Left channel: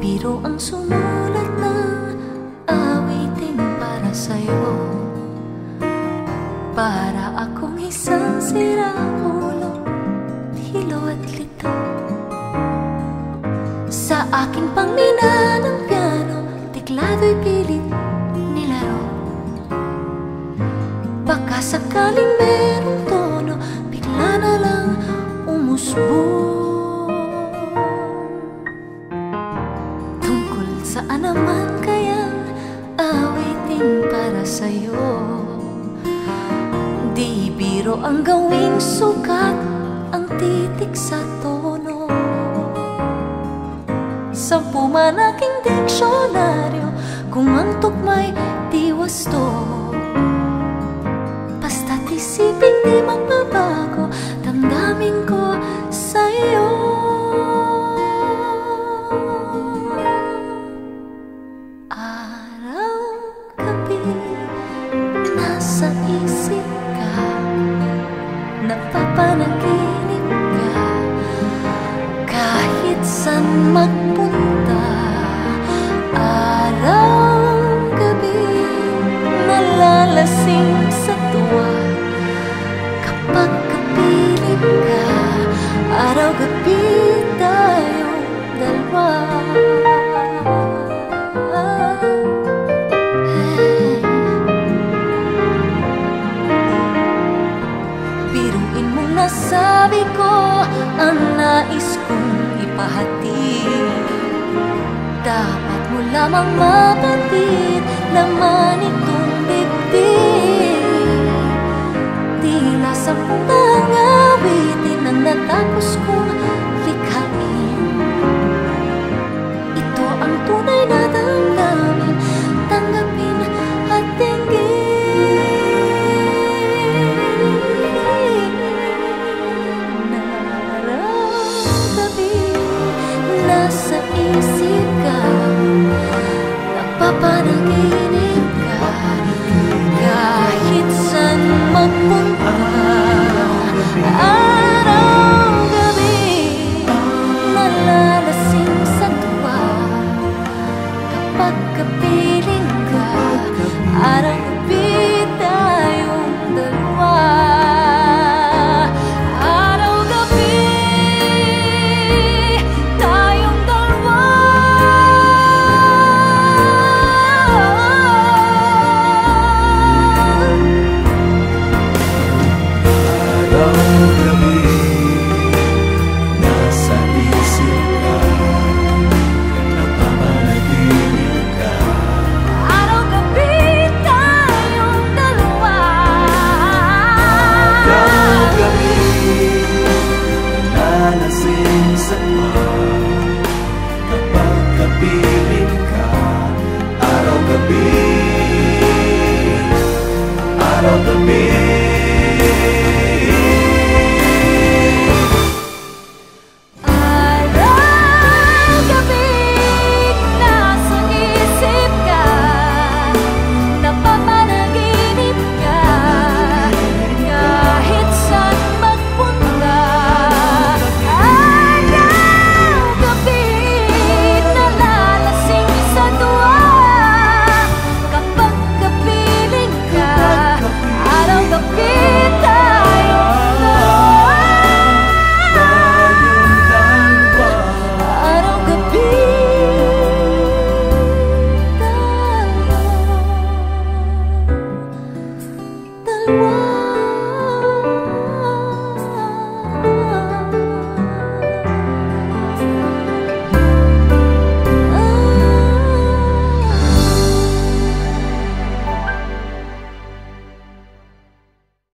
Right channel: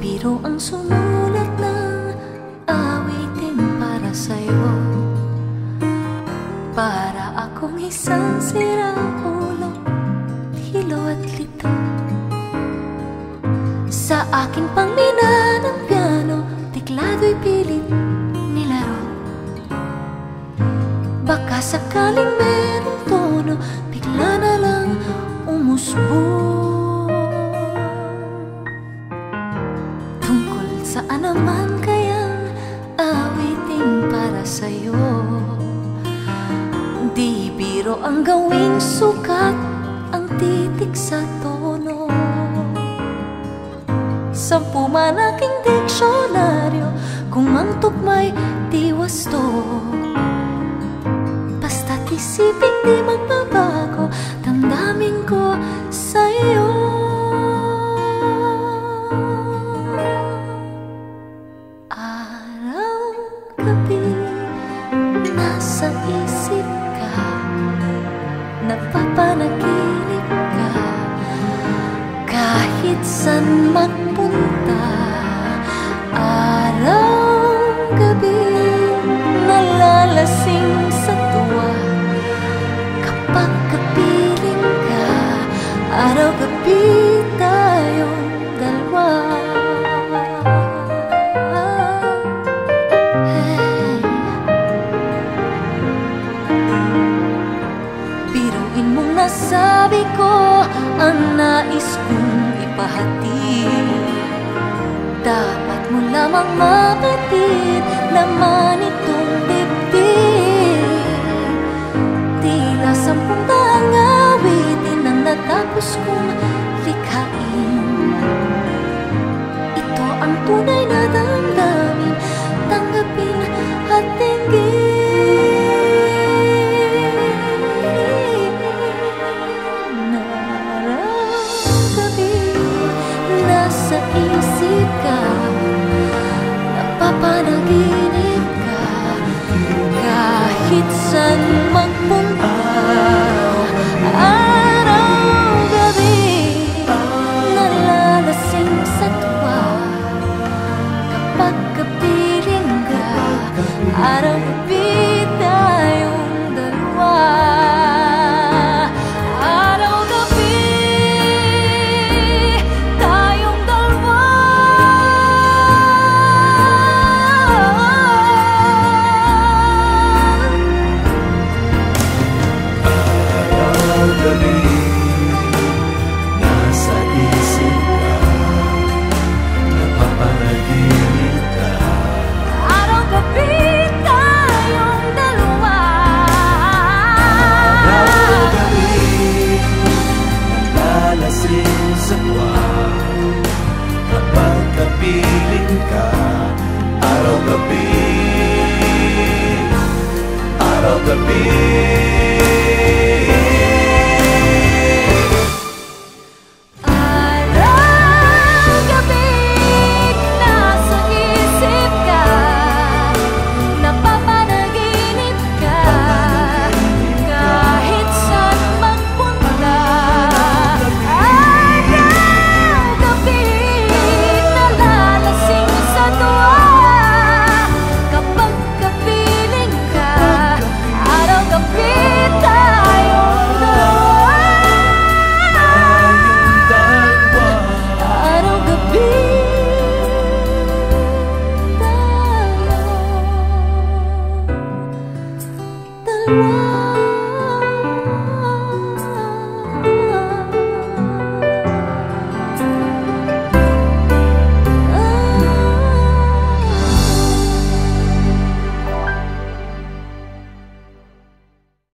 biro ang sumulat ng awiting para sa'yo, para akong isang sirang ulo, hilo at lito. Sa aking pangmina ng piano, tiklado'y pilit nilaro. Baka sakaling merong tono, bigla na lang umusbong. Tungkol saan naman kayang awitin para sa'yo? Di biro ang gawing sukat ang titik sa tono. 10 man aking diksyonaryo, kung ang tugma'y di wasto. Basta't isiping di magbabago, damdamin ko sa'yo. Araw-gabi, nasa isip ka, napapanaginip ka. Kahit san magpunta, araw-gabi, nalalasing sa tuwa. Kapag kapiling ka, araw-gabi tayong dalawa. Hey. Biruin mong nasabi ko ang nais kong ipahatid. Dapat mo lamang mapatid laman itong dibdib. Tila 10 daang awitin ang natapos kong likhain. Ito ang tunay na damdamin, tanggapin at tinggin. Nasa isip ka, napapanaginip ka. Kahit saan magpunta,